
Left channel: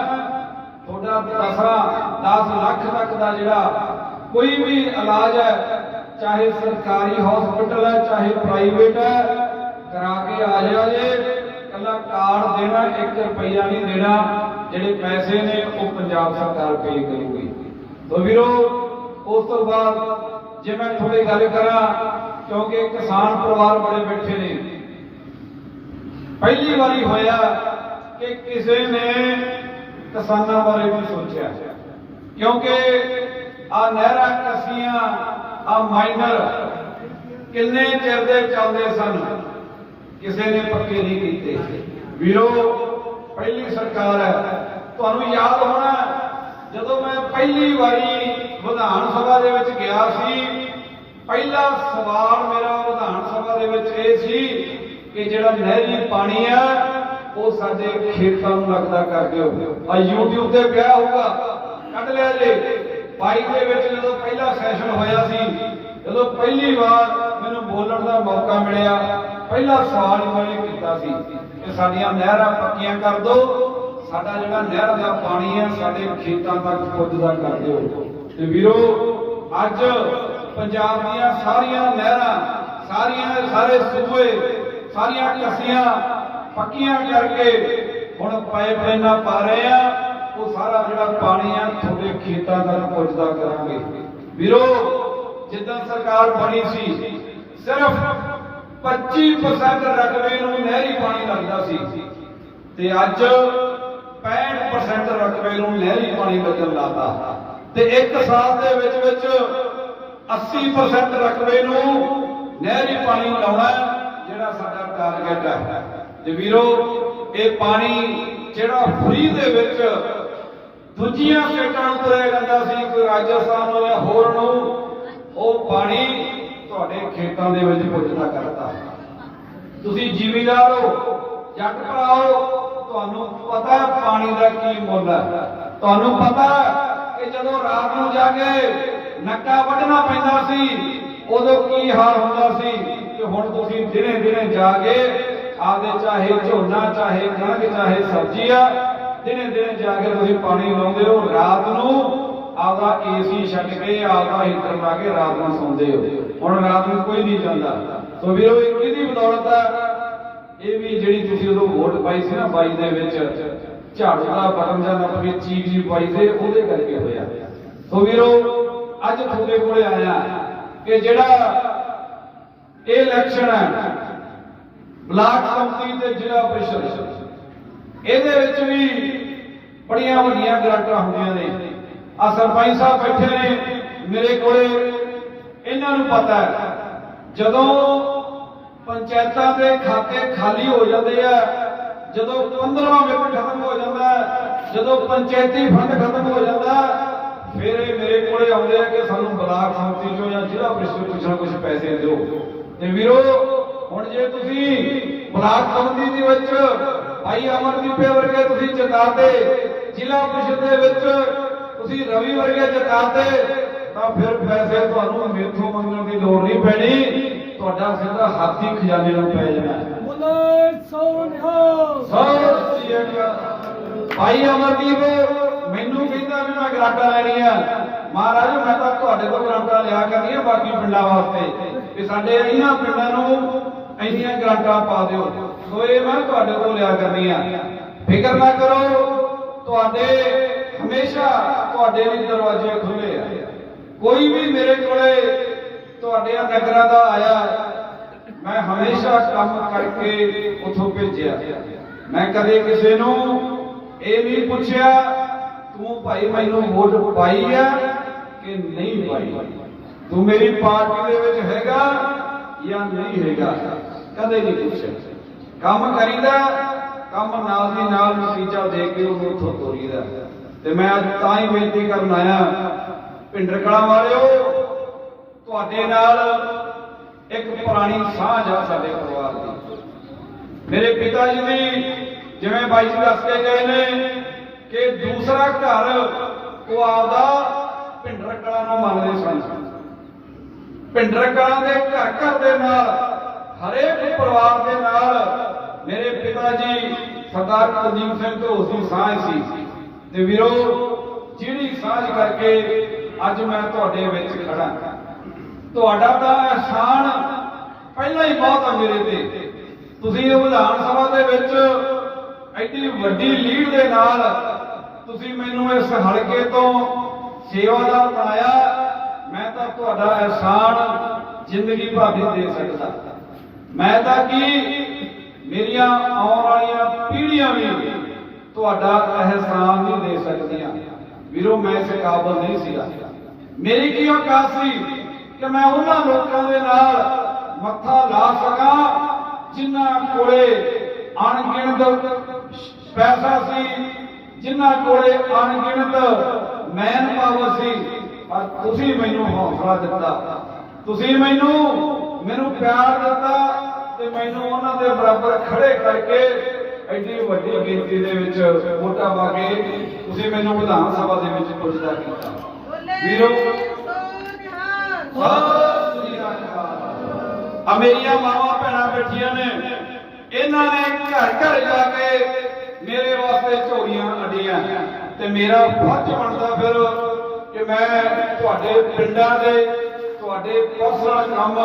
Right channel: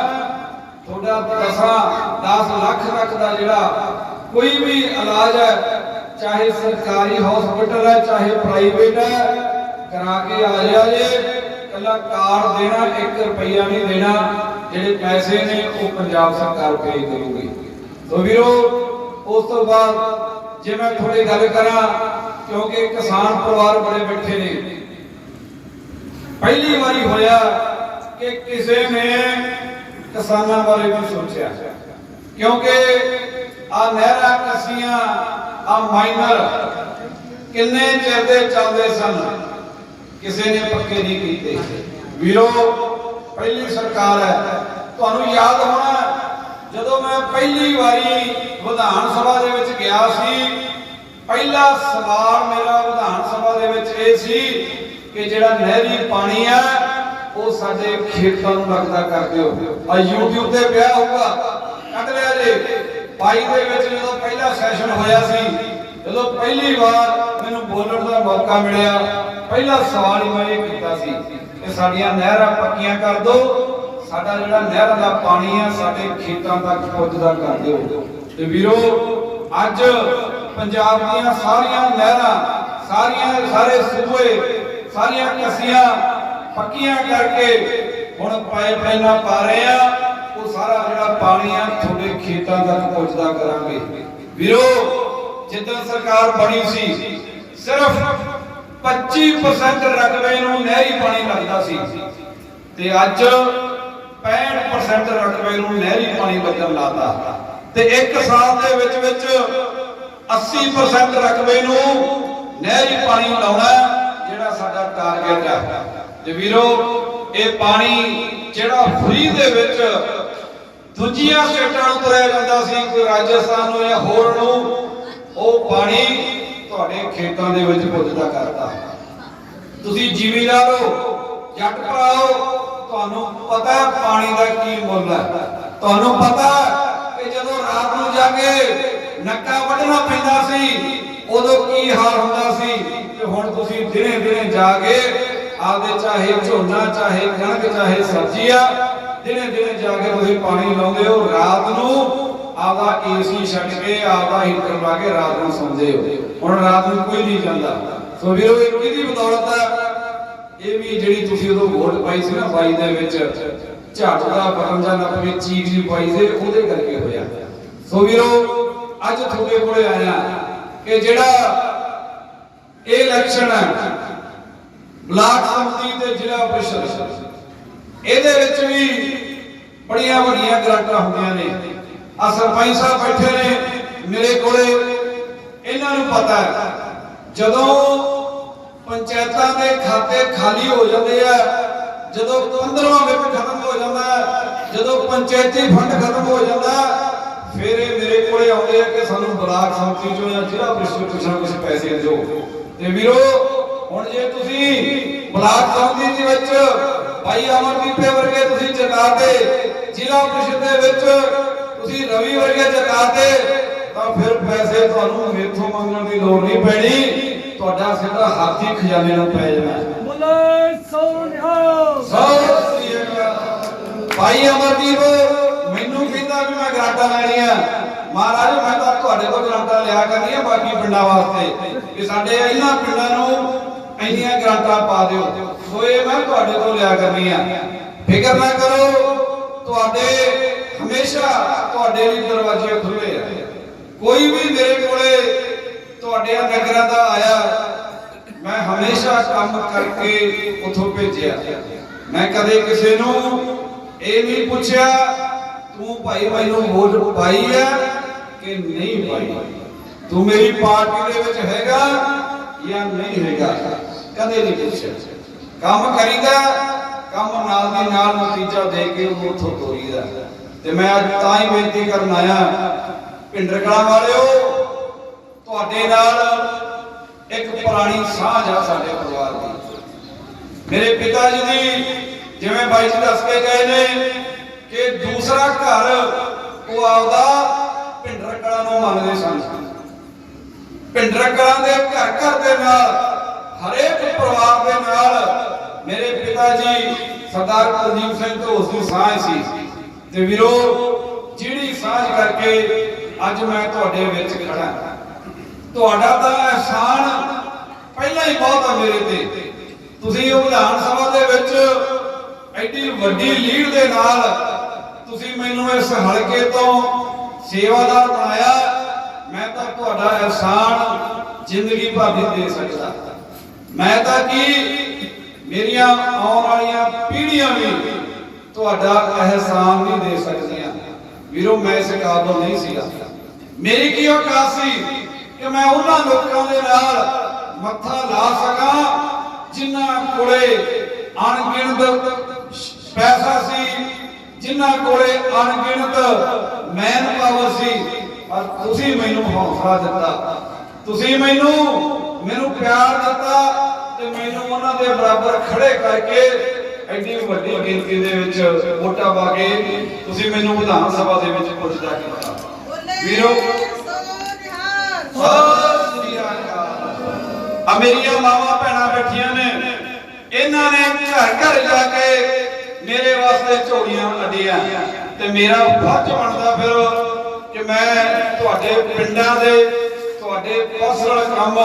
ਤੁਹਾਡਾ ਪੈਸਾ 10 ਲੱਖ ਤੱਕ ਦਾ ਜਿਹੜਾ ਕੋਈ ਵੀ ਇਲਾਜ ਹੈ ਚਾਹੇ ਸਰਕਾਰੀ ਹਸਪੀਟਲ ਹੈ, ਚਾਹੇ ਪ੍ਰਾਈਵੇਟ ਹੈ, ਕਰਾ ਕੇ ਆ ਜਾਇਆ ਜੇ, ਕੱਲਾ ਕਾਰਡ ਦੇਣਾ 1 ਰੁਪਈਆ ਨਹੀਂ ਦੇਣਾ, ਜਿਹੜੇ ਪੈਸੇ ਨੇ, ਉਹ ਪੰਜਾਬ ਸਰਕਾਰ ਪੇ ਕਰੂਗੀ। ਸੋ ਵੀਰੋ, ਉਸ ਤੋਂ ਬਾਅਦ ਜੇ ਮੈਂ ਥੋੜੀ ਗੱਲ ਕਰਾਂ, ਕਿਉਂਕਿ ਕਿਸਾਨ ਪਰਿਵਾਰ ਬੜੇ ਬੈਠੇ ਨੇ। ਪਹਿਲੀ ਵਾਰੀ ਹੋਇਆ ਕਿ ਕਿਸੇ ਨੇ ਕਿਸਾਨਾਂ ਬਾਰੇ ਵੀ ਸੋਚਿਆ। ਕਿਉਂਕਿ ਆ ਨਹਿਰਾਂ ਕਸੀਆਂ ਆ ਮਾਈਨਰ ਕਿੰਨੇ ਚਿਰ ਦੇ ਚੱਲਦੇ ਸਨ? ਕਿਸੇ ਨੇ ਪੱਕੇ ਨਹੀਂ ਕੀਤੇ। ਵੀਰੋ, ਪਹਿਲੀ ਸਰਕਾਰ ਹੈ। ਤੁਹਾਨੂੰ ਯਾਦ ਹੋਣਾ ਜਦੋਂ ਮੈਂ ਪਹਿਲੀ ਵਾਰੀ ਵਿਧਾਨ ਸਭਾ ਦੇ ਵਿੱਚ ਗਿਆ ਸੀ, ਪਹਿਲਾ ਸਵਾਲ ਮੇਰਾ ਵਿਧਾਨ ਸਭਾ ਦੇ ਵਿੱਚ ਇਹ ਸੀ ਕਿ ਜਿਹੜਾ ਨਹਿਰੀ ਪਾਣੀ ਹੈ, ਉਹ ਸਾਡੇ ਖੇਤਾਂ ਨੂੰ ਲੱਗਦਾ ਕਰ ਦਿਓ। ਆ YouTube ਤੇ ਪਿਆ ਹੋਊਗਾ। ਕੱਢ ਲਿਆ ਜੇ। 22 ਦੇ ਵਿੱਚ ਜਦੋਂ ਪਹਿਲਾ ਸੈਸ਼ਨ ਹੋਇਆ ਸੀ, ਜਦੋਂ ਪਹਿਲੀ ਵਾਰ ਮੈਨੂੰ ਬੋਲਣ ਦਾ ਮੌਕਾ ਮਿਲਿਆ, ਪਹਿਲਾ ਸਵਾਲ ਮੈਂ ਇਹ ਕੀਤਾ ਸੀ ਕਿ ਸਾਡੀਆਂ ਨਹਿਰਾਂ ਪੱਕੀਆਂ ਕਰ ਦਿਓ, ਸਾਡਾ ਜਿਹੜਾ ਨਹਿਰਾਂ ਦਾ ਪਾਣੀ ਆ, ਸਾਡੇ ਖੇਤਾਂ ਤੱਕ ਪੁੱਜਦਾ ਕਰ ਦਿਓ। ਤੇ ਵੀਰੋ, ਅੱਜ ਪੰਜਾਬ ਦੀਆਂ ਸਾਰੀਆਂ ਨਹਿਰਾਂ, ਸਾਰੀਆਂ ਸਾਰੇ ਸੂਬੇ, ਸਾਰੀਆਂ ਕਸੀਆਂ ਪੱਕੀਆਂ ਕਰਕੇ ਹੁਣ ਪਾਈਪਲਾਈਨਾਂ ਪਾ ਰਹੇ ਆ। ਉਹ ਸਾਰਾ ਜਿਹੜਾ ਪਾਣੀ ਆ, ਤੁਹਾਡੇ ਖੇਤਾਂ ਤੱਕ ਪਹੁੰਚਦਾ ਕਰਾਂਗੇ। ਵੀਰੋ, ਜਿੱਦਾਂ ਸਰਕਾਰ ਬਣੀ ਸੀ, ਸਿਰਫ 25% ਰਕਬੇ ਨੂੰ ਨਹਿਰੀ ਪਾਣੀ ਲੱਗਦਾ ਸੀ ਤੇ ਅੱਜ 65% ਰਕਬੇ ਨੂੰ ਨਹਿਰੀ ਪਾਣੀ ਲੱਗਣ ਲਾਤਾ ਤੇ ਇੱਕ ਸਾਲ ਦੇ ਵਿੱਚ ਵਿੱਚ 80% ਰਕਬੇ ਨੂੰ ਨਹਿਰੀ ਪਾਣੀ ਲਾਉਣਾ ਜਿਹੜਾ ਸਾਡਾ ਟਾਰਗੇਟ ਹੈ। ਤੇ ਵੀਰੋ, ਇਹ ਪਾਣੀ ਜਿਹੜਾ ਫ੍ਰੀ ਦੇ ਵਿੱਚ ਦੂਜੀਆਂ ਸਟੇਟਾਂ ਨੂੰ ਤੁਰਿਆ ਜਾਂਦਾ ਸੀ ਕੋਈ ਰਾਜਸਥਾਨ ਨੂੰ ਜਾਂ ਹੋਰ ਨੂੰ ਉਹ ਪਾਣੀ ਤੁਹਾਡੇ ਖੇਤਾਂ ਦੇ ਵਿੱਚ ਪੁੱਜਦਾ ਕਰਤਾ। ਤੁਸੀਂ ਜ਼ਿਮੀਦਾਰ ਹੋ ਜੱਟ ਭਰਾਓ, ਤੁਹਾਨੂੰ ਪਤਾ ਹੈ ਪਾਣੀ ਦਾ ਕੀ ਮੁੱਲ ਹੈ। ਤੁਹਾਨੂੰ ਪਤਾ ਕਿ ਜਦੋਂ ਰਾਤ ਨੂੰ ਜਾ ਕੇ ਨੱਕਾ ਵੱਢਣਾ ਪੈਂਦਾ ਸੀ, ਉਦੋਂ ਕੀ ਹਾਲ ਹੁੰਦਾ ਸੀ ਤੇ ਹੁਣ ਤੁਸੀਂ ਦਿਨੇ ਦਿਨੇ ਜਾ ਕੇ ਆਪਦੇ ਚਾਹੇ ਝੋਨਾ, ਚਾਹੇ ਕਣਕ, ਚਾਹੇ ਸਬਜ਼ੀ ਆ ਦਿਨੇ ਦਿਨੇ ਜਾ ਕੇ ਤੁਸੀਂ ਪਾਣੀ ਲਾਉਂਦੇ ਹੋ, ਰਾਤ ਨੂੰ ਆਪਦਾ ਏਸੀ ਛੱਡ ਕੇ ਆਪਦਾ ਹੀਟਰ ਲਾ ਕੇ ਰਾਤ ਨੂੰ ਸੌਂਦੇ ਹੋ। ਹੁਣ ਰਾਤ ਨੂੰ ਕੋਈ ਨਹੀਂ ਜਾਂਦਾ। ਸੋ ਵੀਰੋ, ਇਹ ਕਿਹਦੀ ਬਦੌਲਤ ਹੈ। ਇਹ ਵੀ ਜਿਹੜੀ ਤੁਸੀਂ ਉਦੋਂ ਵੋਟ ਪਾਈ ਸੀ ਨਾ ਬਾਈ ਦੇ ਵਿੱਚ, ਝਾੜੂ ਦਾ ਬਟਨ ਜਾਂ ਨੱਪੇ ਚੀਕ ਜੀ ਪਾਈ ਸੀ, ਉਹਦੇ ਕਰਕੇ ਹੋਇਆ। ਸੋ ਵੀਰੋ, ਅੱਜ ਤੁਹਾਡੇ ਕੋਲੇ ਆਇਆ ਕਿ ਜਿਹੜਾ ਇਹ ਇਲੈਕਸ਼ਨ ਹੈ, ਬਲਾਕ ਸੰਮਤੀ ਤੇ ਜ਼ਿਲ੍ਹਾ ਪ੍ਰੀਸ਼ਦ ਇਹਦੇ ਵਿੱਚ ਵੀ ਬੜੀਆਂ ਵੱਡੀਆਂ ਗ੍ਰਾਂਟਾਂ ਹੁੰਦੀਆਂ ਨੇ। ਆ ਸਰਪੰਚ ਸਾਹਿਬ ਬੈਠੇ ਨੇ, ਮੇਰੇ ਕੋਲੇ। ਇਹਨਾਂ ਨੂੰ ਪਤਾ ਹੈ, ਜਦੋਂ ਪੰਚਾਇਤਾਂ ਦੇ ਖਾਤੇ ਖਾਲੀ ਹੋ ਜਾਂਦੇ ਆ, ਜਦੋਂ 15ਵਾਂ ਵਿਪ ਖਤਮ ਹੋ ਜਾਂਦਾ, ਜਦੋਂ ਪੰਚਾਇਤੀ ਫੰਡ ਖਤਮ ਹੋ ਜਾਂਦਾ, ਫਿਰ ਇਹ ਮੇਰੇ ਕੋਲੇ ਆਉਂਦੇ ਆ ਕਿ ਸਾਨੂੰ ਬਲਾਕ ਸੰਮਤੀ ਚੋਂ ਜਾਂ ਜ਼ਿਲ੍ਹਾ ਪ੍ਰੀਸ਼ਦ ਤੋਂ ਕੁਛ ਨਾ ਕੁਛ ਪੈਸੇ ਦਿਓ। ਤੇ ਵੀਰੋ, ਹੁਣ ਜੇ ਤੁਸੀਂ ਬਲਾਕ ਸੰਮਤੀ ਦੇ ਵਿੱਚ ਭਾਈ ਅਮਰਦੀਪ ਵਰਗੇ ਤੁਸੀਂ ਚਕਾਤੇ ਜ਼ਿਲ੍ਹਾ ਪ੍ਰੀਸ਼ਦ ਦੇ ਵਿੱਚ ਤੁਸੀਂ ਰਵੀ ਵਰਗੇ ਚਕਾਤੇ ਤਾਂ ਫਿਰ ਪੈਸੇ ਤੁਹਾਨੂੰ ਮੇਥੋਂ ਮੰਗਣ ਦੀ ਲੋੜ ਨਹੀਂ ਪੈਣੀ। ਤੁਹਾਡਾ ਸਿੱਧਾ ਹੱਥ ਖਜ਼ਾਨੇ ਨੂੰ ਪੈ ਜਾਣਾ। ਬੋਲੇ ਸੋਨਿਹਾ ਭਾਈ ਅਮਰਦੀਪ ਮੈਨੂੰ ਕਹਿੰਦਾ ਵੀ ਮੈਂ ਗਰਾਂਟਾਂ ਲੈਣੀਆਂ ਮਹਾਰਾਜ ਮੈਂ ਤਾਂ ਤੁਹਾਡੇ ਕੋਲ ਗਰਾਂਟਾਂ ਲਿਆ ਕਰਨੀਆਂ ਬਾਕੀ ਪਿੰਡਾਂ ਵਾਸਤੇ। ਵੀ ਸਾਡੇ ਇਹਨਾਂ ਪਿੰਡਾਂ ਨੂੰ ਇੰਨੀਆਂ ਗਰਾਂਟਾਂ ਪਾ ਦਿਓ। ਸੋ ਮੈਂ ਤੁਹਾਡੇ ਕੋਲ ਲਿਆ ਕਰਨੀਆਂ ਫਿਕਰ ਨਾ ਕਰੋ, ਤੁਹਾਡੇ ਹਮੇਸ਼ਾ ਤੁਹਾਡੇ ਲਈ ਦਰਵਾਜ਼ੇ ਖੁੱਲੇ ਆ। ਕੋਈ ਵੀ ਮੇਰੇ ਕੋਲੇ ਤੁਹਾਡੇ ਨਗਰਾਂ ਦਾ ਆਇਆ, ਮੈਂ ਹਮੇਸ਼ਾ ਕੰਮ ਕਰਕੇ ਉਥੋਂ ਭੇਜਿਆ। ਮੈਂ ਕਦੇ ਕਿਸੇ ਨੂੰ ਇਹ ਨਹੀਂ ਪੁੱਛਿਆ, ਤੂੰ ਭਾਈ ਮੈਨੂੰ ਵੋਟ ਪਾਈ ਆ ਕਿ ਨਹੀਂ ਪਾਈ? ਤੂੰ ਮੇਰੀ ਪਾਰਟੀ ਦੇ ਵਿੱਚ ਹੈਗਾ ਜਾਂ ਨਹੀਂ ਹੈਗਾ? ਕਦੇ ਨਹੀਂ ਪੁੱਛਿਆ। ਕੰਮ ਕਰੀਦਾ, ਕੰਮ ਨਾਲ ਦੀ ਨਾਲ ਨਤੀਜਾ ਦੇ ਕੇ ਉਹਨੂੰ ਉੱਥੋਂ ਤੋਰੀਦਾ। ਤੇ ਮੈਂ ਤਾਂ ਹੀ ਬੇਨਤੀ ਕਰਨ ਆਇਆ ਪਿੰਡਰਕਲਾਂ ਵਾਲਿਓ, ਤੁਹਾਡੇ ਨਾਲ ਇੱਕ ਪੁਰਾਣੀ ਸਾਂਝ ਆ ਸਾਡੇ ਪਰਿਵਾਰ ਦੀ। ਮੇਰੇ ਪਿਤਾ ਜੀ ਦੀ, ਜਿਵੇਂ ਬਾਈ ਜੀ ਦੱਸ ਕੇ ਗਏ ਨੇ ਕਿ ਦੂਸਰਾ ਘਰ ਉਹ ਆਪਦਾ ਭਿੰਡਰ ਕਲਾਂ ਨੂੰ ਮੰਨਦੇ ਸਨ। ਭਿੰਡਰ ਕਲਾਂ ਦੇ ਘਰ ਘਰ ਦੇ ਨਾਲ, ਹਰੇਕ ਪਰਿਵਾਰ ਦੇ ਨਾਲ ਮੇਰੇ ਪਿਤਾ ਜੀ ਸਰਦਾਰ ਕੁਲਦੀਪ ਸਿੰਘ ਤੋਂ ਉਸ ਸਾਂਝ ਸੀ। ਤੇ ਵੀਰੋ, ਜਿਹੜੀ ਸਾਂਝ ਕਰਕੇ ਅੱਜ ਮੈਂ ਤੁਹਾਡੇ ਵਿੱਚ ਖੜਾ। ਤੁਹਾਡਾ ਤਾਂ ਅਹਿਸਾਨ ਪਹਿਲਾਂ ਹੀ ਬਹੁਤ ਆ ਮੇਰੇ ਤੇ। ਤੁਸੀਂ ਵਿਧਾਨ ਸਭਾ ਦੇ ਵਿੱਚ ਐਡੀ ਵੱਡੀ ਲੀਡ ਦੇ ਨਾਲ ਤੁਸੀਂ ਮੈਨੂੰ ਇਸ ਹਲਕੇ ਤੋਂ ਸੇਵਾਦਾਰ ਬਣਾਇਆ। ਮੈਂ ਤਾਂ ਤੁਹਾਡਾ ਅਹਿਸਾਨ ਜ਼ਿੰਦਗੀ ਭਰ ਨਹੀਂ ਦੇ ਸਕਦਾ। ਮੈਂ ਤਾਂ ਕੀ ਮੇਰੀਆਂ ਆਉਣ ਵਾਲੀਆਂ ਪੀੜ੍ਹੀਆਂ ਵੀ ਤੁਹਾਡਾ ਅਹਿਸਾਨ ਨਹੀਂ ਦੇ ਸਕਦੀਆਂ। ਵੀਰੋ, ਮੈਂ ਇਸ ਕਾਬਲ ਨਹੀਂ ਸੀਗਾ। ਮੇਰੀ ਕੀ ਔਕਾਤ ਸੀ ਕਿ ਮੈਂ ਉਹਨਾਂ ਲੋਕਾਂ ਦੇ ਨਾਲ ਮੱਥਾ ਲਾ ਸਕਾਂ ਜਿਨ੍ਹਾਂ ਕੋਲੇ ਅਣਗਿਣਤ ਪੈਸਾ ਸੀ, ਜਿਨ੍ਹਾਂ ਕੋਲੇ ਅਣਗਿਣਤ ਮੈਨ ਪਾਵਰ ਸੀ। ਪਰ ਤੁਸੀਂ ਮੈਨੂੰ ਹੌਸਲਾ ਦਿੱਤਾ। ਤੁਸੀਂ ਮੈਨੂੰ ਮੈਨੂੰ ਪਿਆਰ ਦਿੱਤਾ। ਤੇ ਮੈਨੂੰ ਉਹਨਾਂ ਦੇ ਬਰਾਬਰ ਖੜੇ ਕਰਕੇ ਐਡੀ ਵੱਡੀ ਗਿਣਤੀ ਦੇ ਵਿੱਚ ਵੋਟਾਂ ਪਾ ਕੇ ਤੁਸੀਂ ਮੈਨੂੰ ਵਿਧਾਨ ਸਭਾ ਦੇ ਵਿੱਚ ਪੁੱਜਦਾ ਕੀਤਾ। ਵੀਰੋ ਆ ਮੇਰੀਆਂ ਮਾਵਾਂ ਭੈਣਾਂ ਬੈਠੀਆਂ ਨੇ। ਇਹਨਾਂ ਨੇ ਘਰ ਘਰ ਜਾ ਕੇ ਮੇਰੇ ਵਾਸਤੇ ਝੋਲੀਆਂ ਕੱਢੀਆਂ ਤੇ ਮੇਰਾ ਫਰਜ਼ ਬਣਦਾ ਫਿਰ ਕਿ ਮੈਂ ਤੁਹਾਡੇ ਪਿੰਡਾਂ ਦੇ ਤੁਹਾਡੇ ਪਰਸਨਲ ਕੰਮ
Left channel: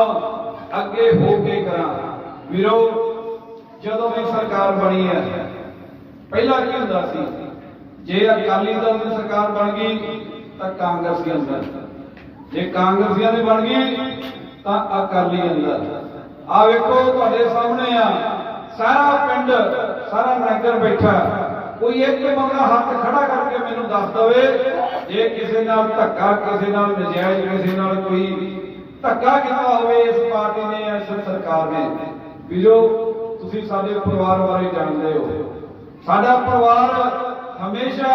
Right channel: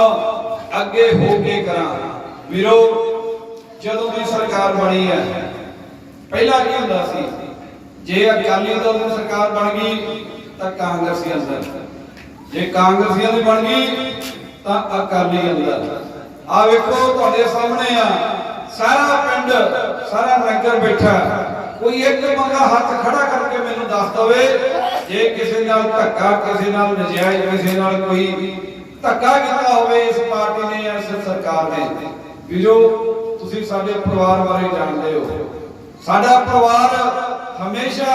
ਅੱਗੇ ਹੋ ਕੇ ਕਰਾਂ। ਵੀਰੋ, ਜਦੋਂ ਵੀ ਸਰਕਾਰ ਬਣੀ ਹੈ, ਪਹਿਲਾਂ ਕੀ ਹੁੰਦਾ ਸੀ? ਜੇ ਅਕਾਲੀ ਦਲ ਦੀ ਸਰਕਾਰ ਬਣ ਗਈ, ਤਾਂ ਕਾਂਗਰਸੀ ਅੰਦਰ। ਜੇ ਕਾਂਗਰਸੀਆਂ ਦੀ ਬਣ ਗਈ, ਤਾਂ ਅਕਾਲੀ ਅੰਦਰ। ਆ ਵੇਖੋ, ਤੁਹਾਡੇ ਸਾਹਮਣੇ ਆ, ਸਾਰਾ ਪਿੰਡ, ਸਾਰਾ ਨਗਰ ਬੈਠਾ ਕੋਈ ਇੱਕ ਬੰਦਾ ਹੱਥ ਖੜਾ ਕਰਕੇ ਮੈਨੂੰ ਦੱਸ ਦਵੇ, ਜੇ ਕਿਸੇ ਨਾਲ ਧੱਕਾ, ਕਿਸੇ ਨਾਲ ਨਜਾਇਜ਼, ਕਿਸੇ ਨਾਲ ਕੋਈ ਧੱਕਾ ਕੀਤਾ ਹੋਵੇ ਇਸ ਪਾਰਟੀ ਨੇ, ਇਸ ਸਰਕਾਰ ਨੇ। ਵੀਰੋ ਤੁਸੀਂ ਸਾਡੇ ਪਰਿਵਾਰ ਬਾਰੇ ਜਾਣਦੇ ਹੋ, ਸਾਡਾ ਪਰਿਵਾਰ ਹਮੇਸ਼ਾ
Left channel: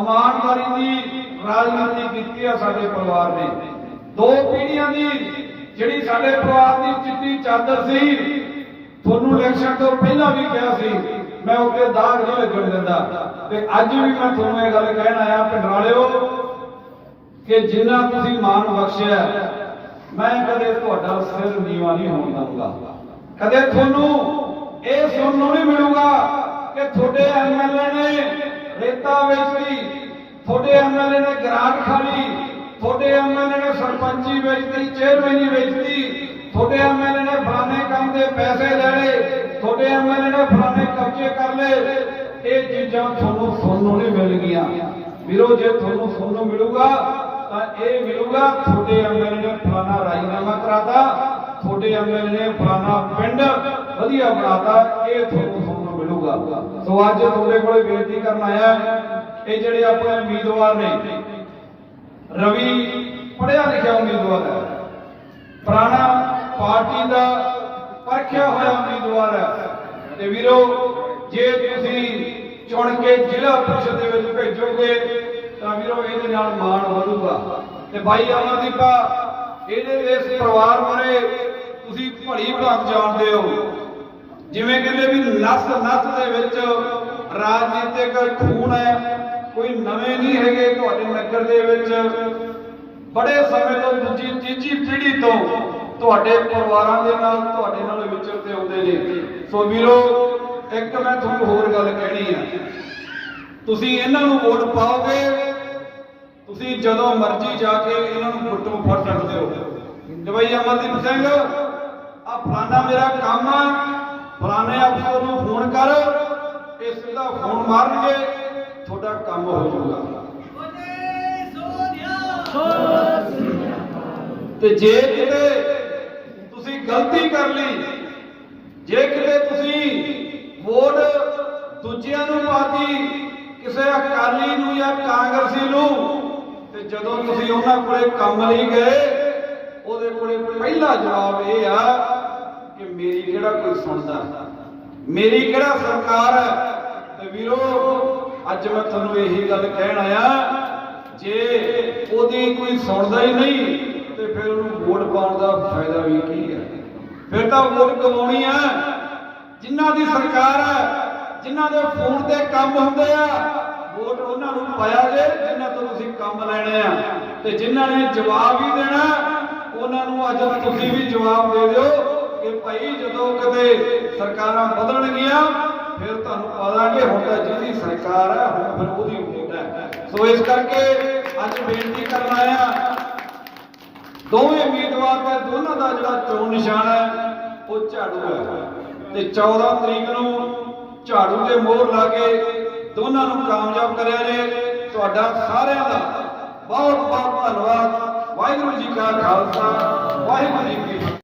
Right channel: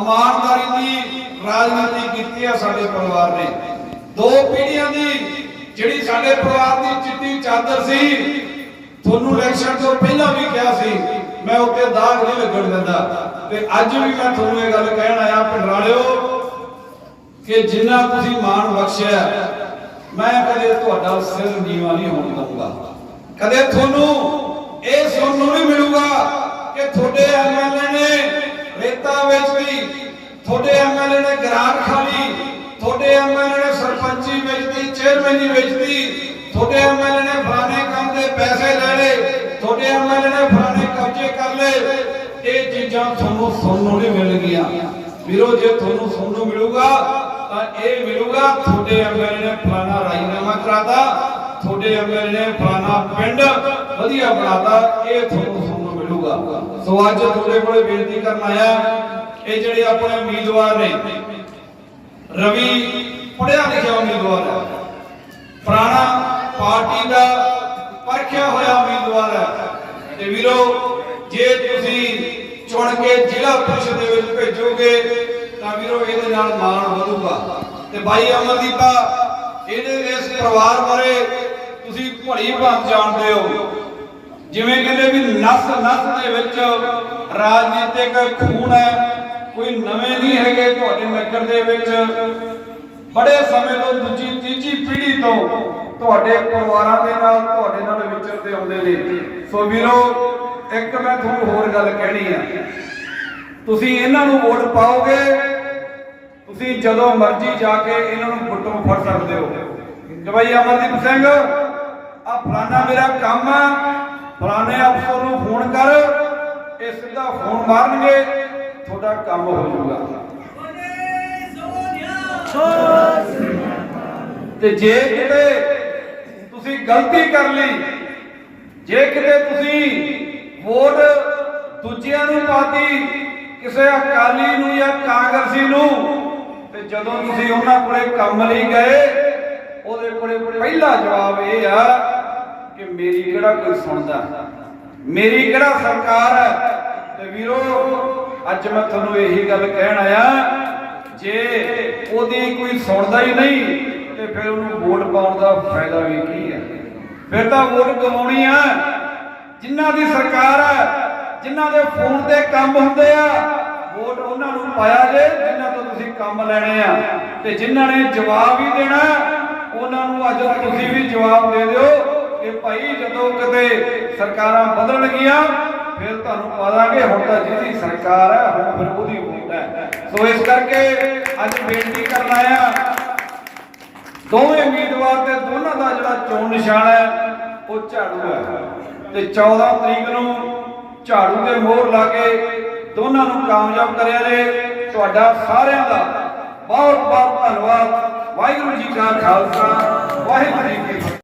ਇਮਾਨਦਾਰੀ ਦੀ ਰਾਜਨੀਤੀ ਕੀਤੀ ਹੈ ਸਾਡੇ ਪਰਿਵਾਰ ਨੇ। ਦੋ ਪੀੜ੍ਹੀਆਂ ਦੀ ਜਿਹੜੀ ਸਾਡੇ ਪਰਿਵਾਰ ਦੀ ਚਿੱਟੀ ਚਾਦਰ ਸੀ, ਤੁਹਾਨੂੰ ਇਲੈਕਸ਼ਨ ਤੋਂ ਪਹਿਲਾਂ ਵੀ ਕਿਹਾ ਸੀ, ਮੈਂ ਉੱਤੇ ਦਾਗ ਨਹੀਂ ਲੱਗਣ ਦਿੰਦਾ। ਤੇ ਅੱਜ ਵੀ ਮੈਂ ਤੁਹਾਨੂੰ ਇਹ ਗੱਲ ਕਹਿਣ ਆਇਆ ਪਿੰਡਰਾਲਿਓ ਕਿ ਜਿੰਨਾ ਤੁਸੀਂ ਮਾਣ ਬਖਸ਼ਿਆ, ਮੈਂ ਕਦੇ ਤੁਹਾਡਾ ਸਿਰ ਨੀਵਾ ਨਹੀਂ ਹੋਣ ਦਊਂਗਾ। ਕਦੇ ਤੁਹਾਨੂੰ ਇਹ ਸੁਣਨ ਨੂੰ ਨਹੀਂ ਮਿਲੂਗਾ ਕਿ ਤੁਹਾਡੇ ਐਮਐਲਏ ਨੇ ਰੇਤਾ ਵੇਚਦੀ ਤੁਹਾਡੇ ਐਮਐਲਏ ਨੇ ਗ੍ਰਾਂਟ ਖਾਲੀ ਤੁਹਾਡੇ ਐਮਐਲਏ ਨੇ ਸਰਪੰਚੀ ਵੇਚਦੀ ਚੇਅਰਮੈਨੀ ਵੇਚਦੀ ਤੁਹਾਡੇ ਐਮਐਲਏ ਨੇ ਫਲਾਣੇ ਕੰਮ ਦੇ ਪੈਸੇ ਲੈ ਲਏ, ਤੁਹਾਡੇ ਐਮਐਲਏ ਨੇ ਫਲਾਣੇ ਕਬਜ਼ੇ ਕਰ ਲਏ। ਇਹ ਚੀਜ਼ਾਂ ਤੁਹਾਨੂੰ ਸੁਣਨ ਨੂੰ ਨਹੀਂ ਮਿਲਣਗੀਆਂ ਵੀਰੋ, ਜੇ ਤੁਹਾਨੂੰ ਸੁਣਨ ਨੂੰ ਮਿਲੂਗਾ, ਤਾਂ ਇਹ ਮਿਲੂਗਾ, ਤੁਹਾਡੇ ਐਮਐਲਏ ਨੇ ਫਲਾਣਾ ਰਾਜੀਨਾਮਾ ਕਰਾਤਾ ਤੁਹਾਡੇ ਐਮਐਲਏ ਨੇ ਫਲਾਣਾ ਪਿੰਡ ਵਧੀਆ ਬਣਾਤਾ, ਇਹ ਤੁਹਾਨੂੰ ਸੁਣਨ ਮਿਲੂਗਾ। ਸੋ ਅੱਜ ਤੁਹਾਡੇ ਕੋਲੇ ਬੇਨਤੀ ਕਰਨ ਆਇਆ, ਇਹ ਜਿਹੜੇ ਆਪਣੇ ਉਮੀਦਵਾਰ ਨੇ, ਰਵੀ ਪੜਿਆ ਲਿਖਿਆ ਉਮੀਦਵਾਰ ਹੈ। ਪੁਰਾਣਾ ਪਾਰਟੀ ਦਾ ਪਰਖਿਆ ਹੋਇਆ ਉਮੀਦਵਾਰ ਹੈ। ਤੇ ਵੀਰੋ, ਜੇ ਤੁਸੀਂ ਚੁਣ ਕੇ ਜ਼ਿਲ੍ਹਾ ਪ੍ਰੀਸ਼ਦ ਦੇ ਵਿੱਚ ਭੇਜੋਗੇ, ਤਾਂ ਵੀਰੋ ਇਹਦੇ ਨਾਲ ਮਾਣ ਵਧੂਗਾ। ਤੇ ਬਾਈ ਅਮਰਦੀਪਾ ਇਹਦੇ ਇਸ ਪਰਿਵਾਰ ਬਾਰੇ ਭਲੀ ਭਾਂਤ ਜਾਣਦੇ ਹੋ। ਜਿਵੇਂ ਕਹਿੰਦੇ ਵੀ ਨਸ ਨਸ ਦੇ ਵਿੱਚ ਰਾਜਨੀਤਿਕ ਖੂਨ ਹੈ, ਕੋਈ ਨਵੇਂ ਨਹੀਂ ਹੈਗੇ ਤੁਹਾਡੇ ਨਗਰ ਦੇ ਵਿੱਚ। ਬੜੇ ਸਮੇਂ ਤੋਂ ਦੂਜੀ, ਤੀਜੀ ਪੀੜ੍ਹੀ ਤੋਂ ਤੁਹਾਡੇ ਪਰਿਵਾਰਾਂ ਦੇ ਨਾਲ, ਤੁਹਾਡੇ ਨਾਲ ਵਿਚਰਦੇ ਆਉਂਦੇ ਨੇ। ਸੋ ਵੀਰੋ, ਇੱਕ ਮੈਂ ਤੁਹਾਨੂੰ ਹੋਰ ਗੱਲ ਕਹਿਣੀ ਆ। ਤੁਸੀਂ ਇਹਨਾਂ ਨੂੰ ਵੋਟ ਪਾਓਗੇ? ਤੁਸੀਂ ਜਦੋਂ ਮਰਜ਼ੀ ਜਾ ਕੇ ਇਹਨਾਂ ਨੂੰ ਫੋਟੋ ਫੜ ਸਕਦੇ ਹੋ। ਕਿ ਭਾਈ ਅਮਰਦੀਪ ਸਿੰਘ ਆ ਫਲਾਣਾ ਮੇਰਾ ਕੰਮ ਆ। ਫਲਾਣੇ ਅਫਸਰ ਨੂੰ ਫੋਨ ਕਰ, ਇਹ ਸਿੱਧਾ ਫੋਨ ਮਾਰਨਗੇ, ਤੁਹਾਡਾ ਕੰਮ ਹੋ ਜਾਊਗਾ। ਤੇ ਜੇ ਕਿਤੇ ਤੁਸੀਂ ਗਲਤੀ ਕਰ ਲਈ, ਜੇ ਕਿਤੇ ਤੁਸੀਂ ਵੋਟ ਦੂਜਿਆਂ ਨੂੰ ਪਾਤੀ, ਕਿਸੇ ਅਕਾਲੀ ਨੂੰ ਜਾਂ ਕਾਂਗਰਸੀ ਨੂੰ, ਤੇ ਜਦੋਂ ਤੁਸੀਂ ਉਹਨਾਂ ਕੋਲੇ ਕੰਮ ਲਈ ਗਏ, ਉਹਦੇ ਕੋਲੇ ਪਹਿਲਾ ਜਵਾਬ ਇਹ ਆ ਕਿ ਮੇਰੀ ਕਿਹੜਾ ਕੋਈ ਸੁਣਦਾ? ਮੇਰੀ ਕਿਹੜਾ ਸਰਕਾਰ ਹੈ? ਤੇ ਵੀਰੋ, ਅੱਜ ਮੈਂ ਤੁਹਾਨੂੰ ਇਹੀ ਗੱਲ ਕਹਿਣ ਆਇਆ, ਜੇ ਉਹਦੀ ਕੋਈ ਸੁਣਦਾ ਹੀ ਨਹੀਂ, ਤੇ ਫਿਰ ਉਹਨੂੰ ਵੋਟ ਪਾਉਣ ਦਾ ਫਾਇਦਾ ਵੀ ਕੀ ਹੈ? ਫਿਰ ਤਾਂ ਵੋਟ ਗਵਾਉਣੀ ਆ। ਜਿਨ੍ਹਾਂ ਦੀ ਸਰਕਾਰ ਹੈ, ਜਿਨ੍ਹਾਂ ਦੇ ਫੋਨ ਤੇ ਕੰਮ ਹੁੰਦੇ ਆ, ਵੋਟ ਉਹਨਾਂ ਨੂੰ ਪਾਇਆ ਜੇ, ਜਿਨ੍ਹਾਂ ਤੋਂ ਤੁਸੀਂ ਕੰਮ ਲੈਣੇ ਆ। ਤੇ ਜਿਨ੍ਹਾਂ ਨੇ ਜਵਾਬ ਹੀ ਦੇਣਾ, ਉਹਨਾਂ ਨੂੰ ਅੱਜ ਤੁਸੀਂ ਵੀ ਜਵਾਬ ਦੇ ਦਿਓ। ਕਿ ਭਾਈ ਜਦੋਂ ਕਦੇ ਸਰਕਾਰਾਂ ਬਦਲਣਗੀਆਂ, ਫਿਰ ਤੁਹਾਨੂੰ ਪਾਦਾਂਗੇ ਹੁਣ ਤਾਂ ਜਿਹਦੀ ਸਰਕਾਰ ਹੈ, ਹੁਣ ਫਿਰ ਉਹਦੀ ਵੋਟ ਹੈ। ਸੋ ਇਸ ਕਰਕੇ ਅੱਜ ਬੇਨਤੀ ਕਰਨ ਆਇਆ ਦੋਵੇਂ ਉਮੀਦਵਾਰ ਤੇ ਦੋਨਾਂ ਦਾ ਜਿਹੜਾ ਚੋਣ ਨਿਸ਼ਾਨ ਹੈ, ਉਹ ਝਾੜੂ ਹੈ। ਤੇ 14 ਤਰੀਕ ਨੂੰ ਝਾੜੂ ਦੇ ਮੋਹਰ ਲਾ ਕੇ ਦੋਨਾਂ ਨੂੰ ਕਾਮਯਾਬ ਕਰਿਆ ਨੇ। ਤੁਹਾਡਾ ਸਾਰਿਆਂ ਦਾ ਬਹੁਤ ਬਹੁਤ ਧੰਨਵਾਦ। ਵਾਹਿਗੁਰੂ ਜੀ ਕਾ ਖਾਲਸਾ, ਵਾਹਿਗੁਰੂ ਜੀ ਕੀ